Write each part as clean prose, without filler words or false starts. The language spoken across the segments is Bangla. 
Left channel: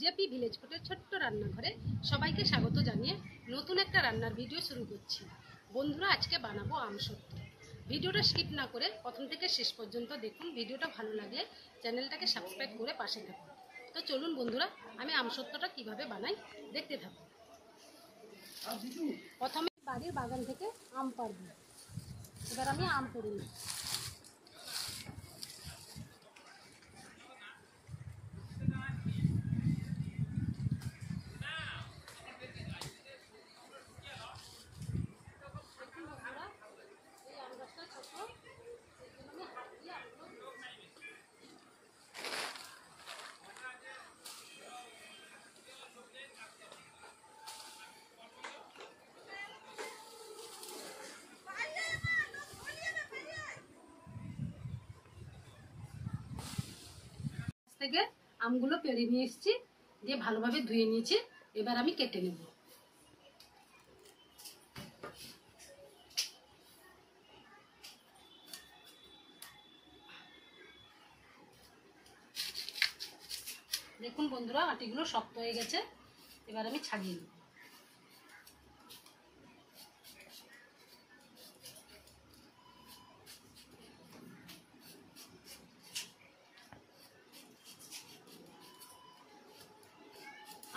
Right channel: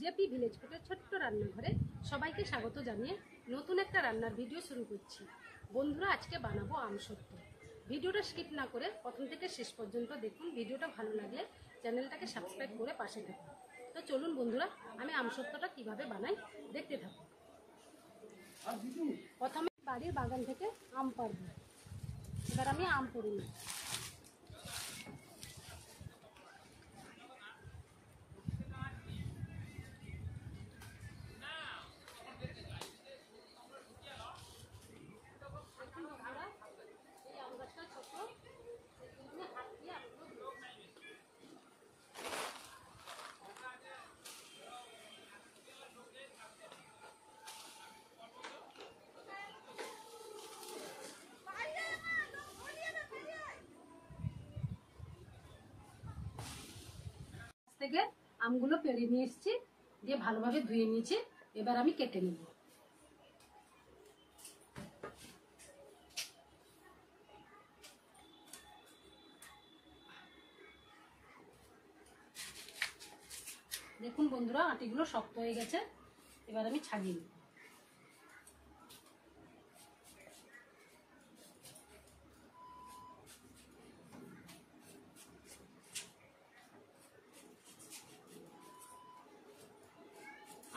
জেপি ভিলেজ ফুডের ছোট্ট রান্নাঘরে সবাইকে স্বাগত জানিয়ে নতুন একটা রান্নার ভিডিও শুরু করছি। বন্ধুরা, আজকে বানাবো আমসত্ত্ব। ভিডিওটা স্কিপ না করে প্রথম থেকে শেষ পর্যন্ত দেখুন। ভিডিওটা ভালো লাগলে চ্যানেলটাকে সাবস্ক্রাইব করে পাশে থাকুন। তো চলুন বন্ধুরা, আমি আমসত্ত্বটা কিভাবে বানাই দেখতে থাকুন। প্রথমে বাড়ির বাগান থেকে আম পাড়ব। এবার আমি আম পড়ি নিই। থেকে আমগুলো পেড়ে নিয়ে এসেছি, দিয়ে ভালোভাবে ধুয়ে নিয়েছি। এবার আমি কেটে নেব। দেখুন বন্ধুরা, আটিগুলো শক্ত হয়ে গেছে। এবার আমি ছাড়িয়ে নেব।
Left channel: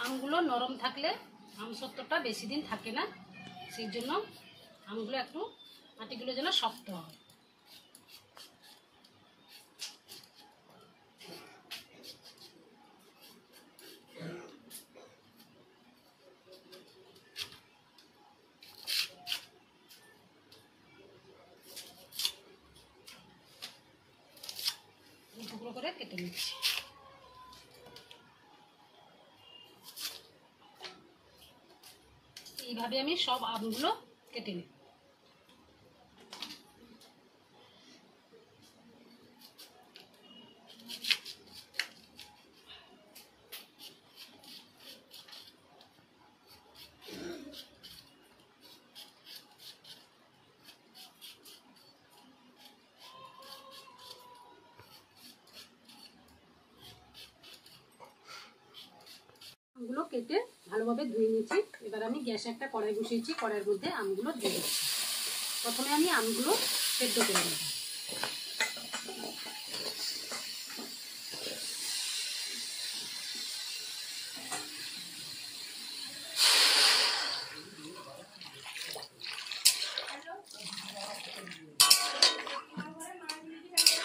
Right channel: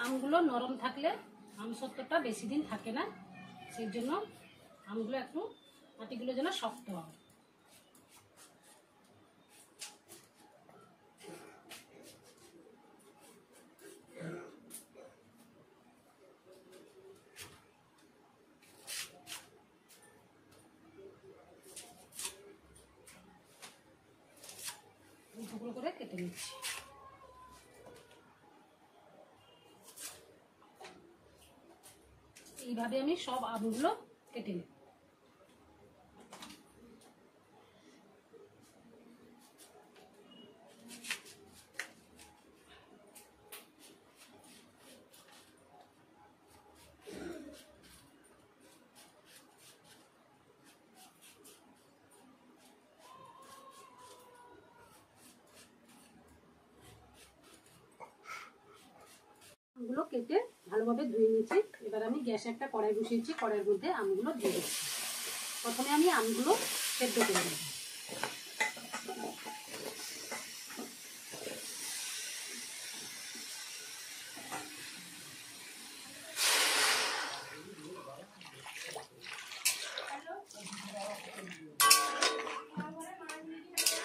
আমগুলো নরম থাকলে আমসত্ত্বটা বেশি দিন থাকে না, সেই জন্য আমগুলো একটু আটিগুলো যেন শক্ত হয়। টুকরো করে কেটে নিচ্ছি। এইভাবে আমি সব আমগুলো কেটে নিই। আমগুলো কেটে ভালোভাবে ধুয়ে নিয়েছি। এবার আমি গ্যাসে একটা কড়াই বসিয়েছি। কড়াইয়ের মধ্যে আমগুলো দিয়ে দিচ্ছি। প্রথমে আমি আমগুলো সেদ্ধ করে নেব।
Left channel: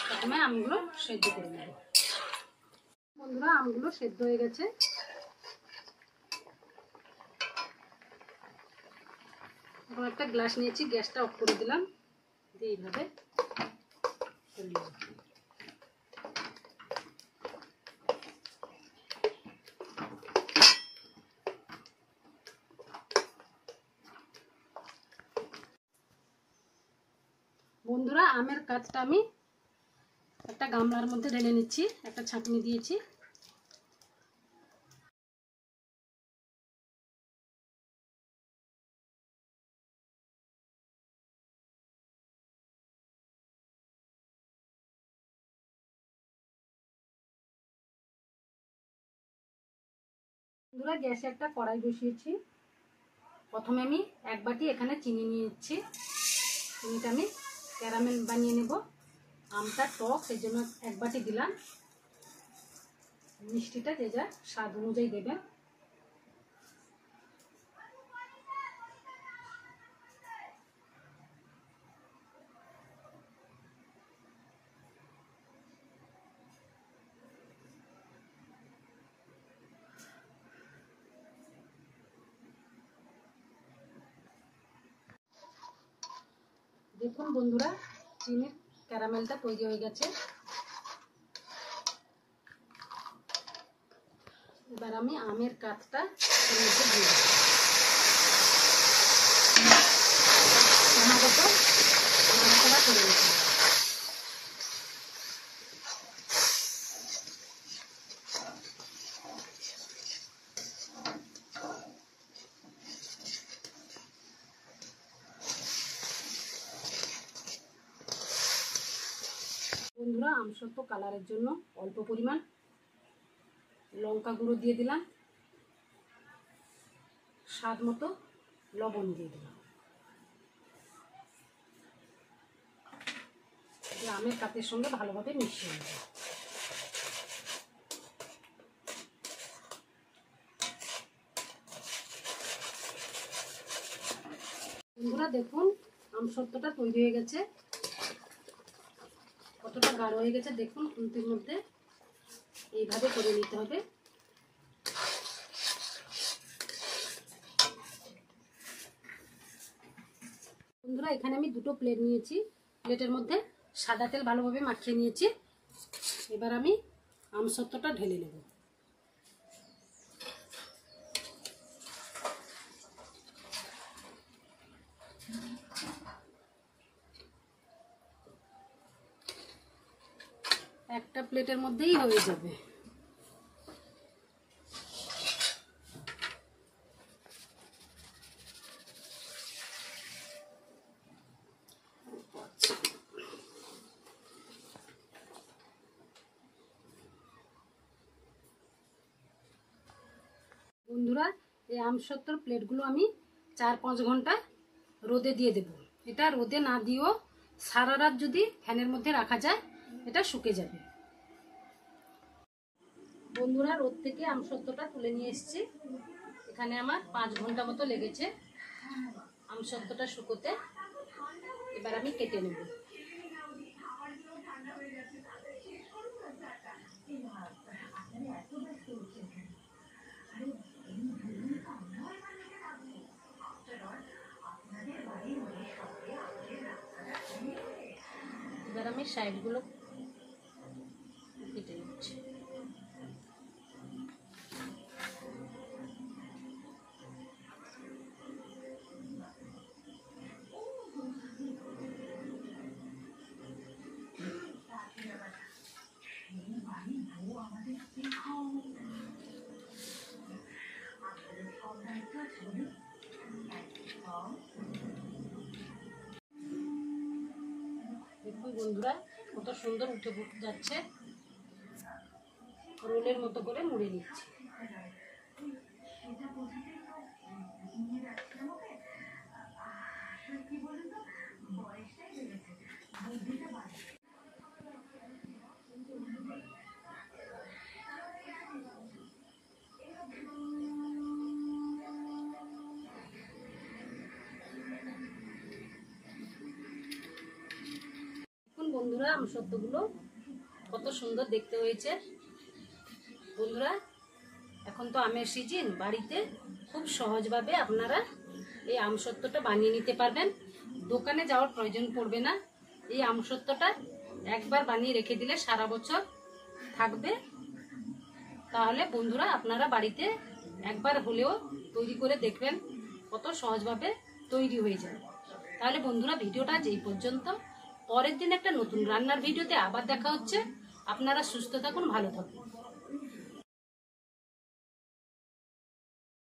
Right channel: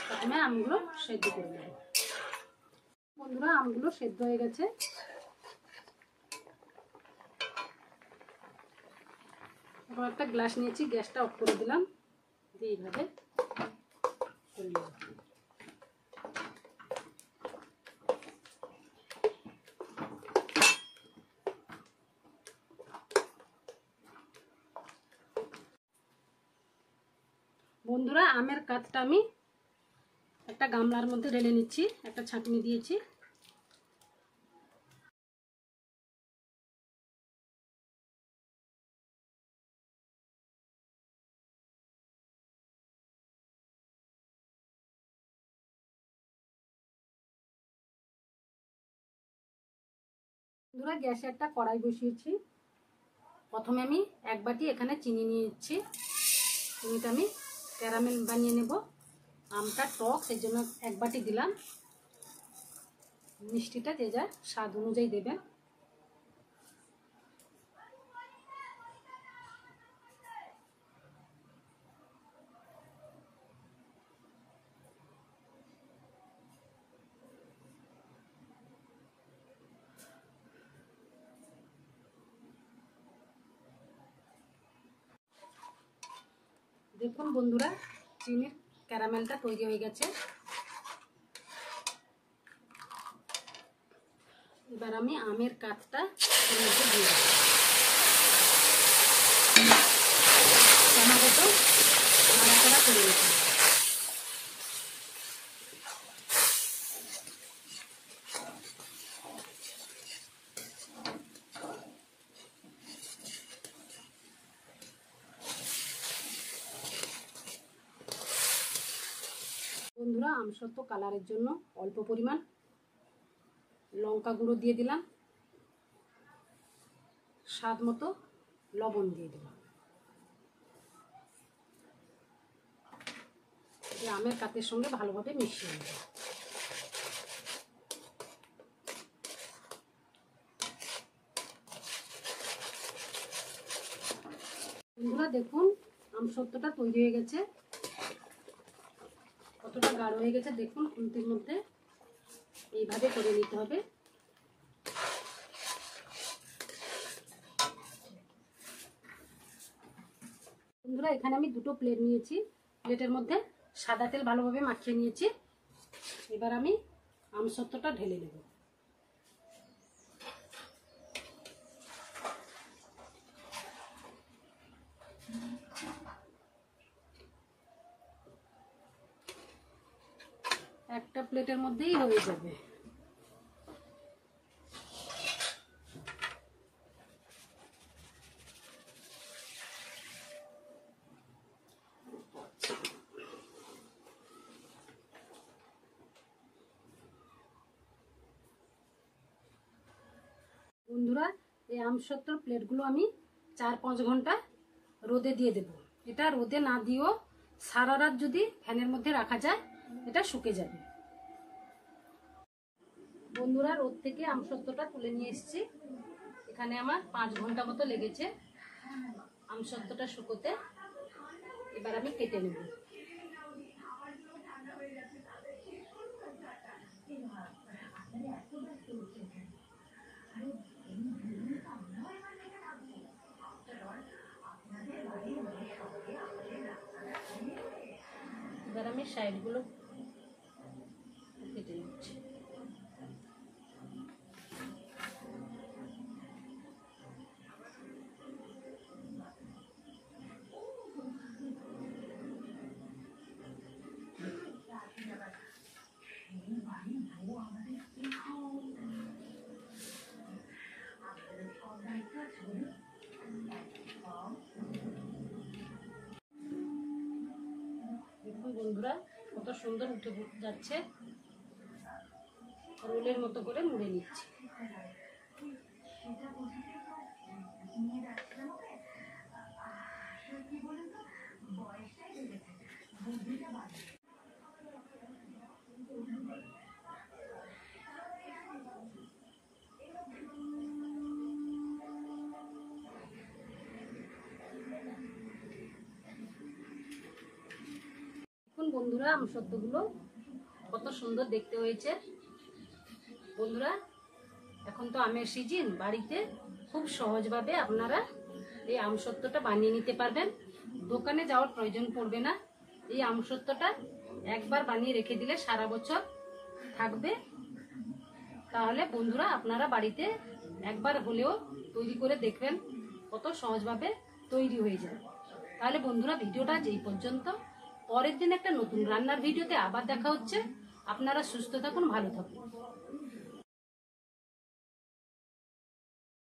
প্রথমে আমগুলো সেদ্ধ করে নেব। বন্ধুরা, আমগুলো সেদ্ধ হয়ে গেছে। এখন একটা গ্লাস নিয়েছি, গ্যাসটা অফ করে দিলাম, দিয়ে এইভাবে করলাম। বন্ধুরা, আমের কাঠটা আমি একটা গামলার মধ্যে ঢেলে নিচ্ছি। একটা ছাঁকনি দিয়েছি। বন্ধুরা, গ্যাসে একটা কড়াই বসিয়েছি। প্রথমে আমি এক বাটি এখানে চিনি নিয়ে নিচ্ছি। চিনিটা আমি ক্যারামেল বানিয়ে নেব। আমটা টক, সেই জন্য এক বাটি দিলাম। মিষ্টিটা যে যা স্বাদ অনুযায়ী দেবেন। দেখুন বন্ধুরা, চিনির ক্যারামেলটা তৈরি হয়ে গেছে। এবার আমি আমের কাঠটা এর মধ্যে দিয়ে দেব। টমেটো নাড়াচাড়া করে নিতে হবে। বন্ধুরা, আমসত্ত্ব কালারের জন্য অল্প পরিমাণ লঙ্কা গুঁড়ো দিয়ে দিলাম, স্বাদ মতো লবণ দিয়ে দিলাম। আমের পাতের সঙ্গে ভালোভাবে মিশিয়ে নেব। বন্ধুরা দেখুন আমসত্ত্বটা তৈরি হয়ে গেছে, কতটা গাঢ় হয়ে গেছে দেখুন। খুন্তির মধ্যে এইভাবে করে নিতে হবে। বন্ধুরা এখানে আমি দুটো প্লেট নিয়েছি, প্লেটের মধ্যে সাদা তেল ভালোভাবে মাখিয়ে নিয়েছি। এবার আমি আমসত্ত্বটা ঢেলে নেব। একটা প্লেটের মধ্যেই হয়ে যাবে। বন্ধুরা এই আমসত্ত্বর প্লেটগুলো আমি 4-5 ঘন্টা রোদে দিয়ে দেব। এটা রোদে না দিয়েও সারা রাত যদি ফ্যানের মধ্যে রাখা যায় এটা শুকে যাবে। বন্ধুরা রোদ থেকে আমসত্ত্বটা তুলে নিয়ে এসেছি। এখানে আমার 5 ঘন্টা মতো লেগেছে আমসত্ত্বটা শুকোতে। এবার আমি কেটে নেব। এবার আমি সাইডগুলো কেটে নিচ্ছি। দেখুন বন্ধুরা কত সুন্দর উঠে যাচ্ছে। রোলের মতো করে মুড়ে নিচ্ছি। বন্ধুরা আমসত্ত্বগুলো কত সুন্দর দেখতে হয়েছে। বন্ধুরা এখন তো আমের সিজন, বাড়িতে খুব সহজভাবে আপনারা এই আমসত্ত্বটা বানিয়ে নিতে পারবেন। দোকানে যাওয়ার প্রয়োজন পড়বে না। এই আমসত্ত্বটা একবার বানিয়ে রেখে দিলে সারা বছর থাকবে। তাহলে বন্ধুরা আপনারা বাড়িতে একবার হলেও তৈরি করে দেখবেন, কত সহজভাবে তৈরি হয়ে যায়। তাহলে বন্ধুরা ভিডিওটা যেই পর্যন্ত, পরের দিন একটা নতুন রান্নার ভিডিওতে আবার দেখা হচ্ছে। আপনারা সুস্থ থাকুন, ভালো থাকুন।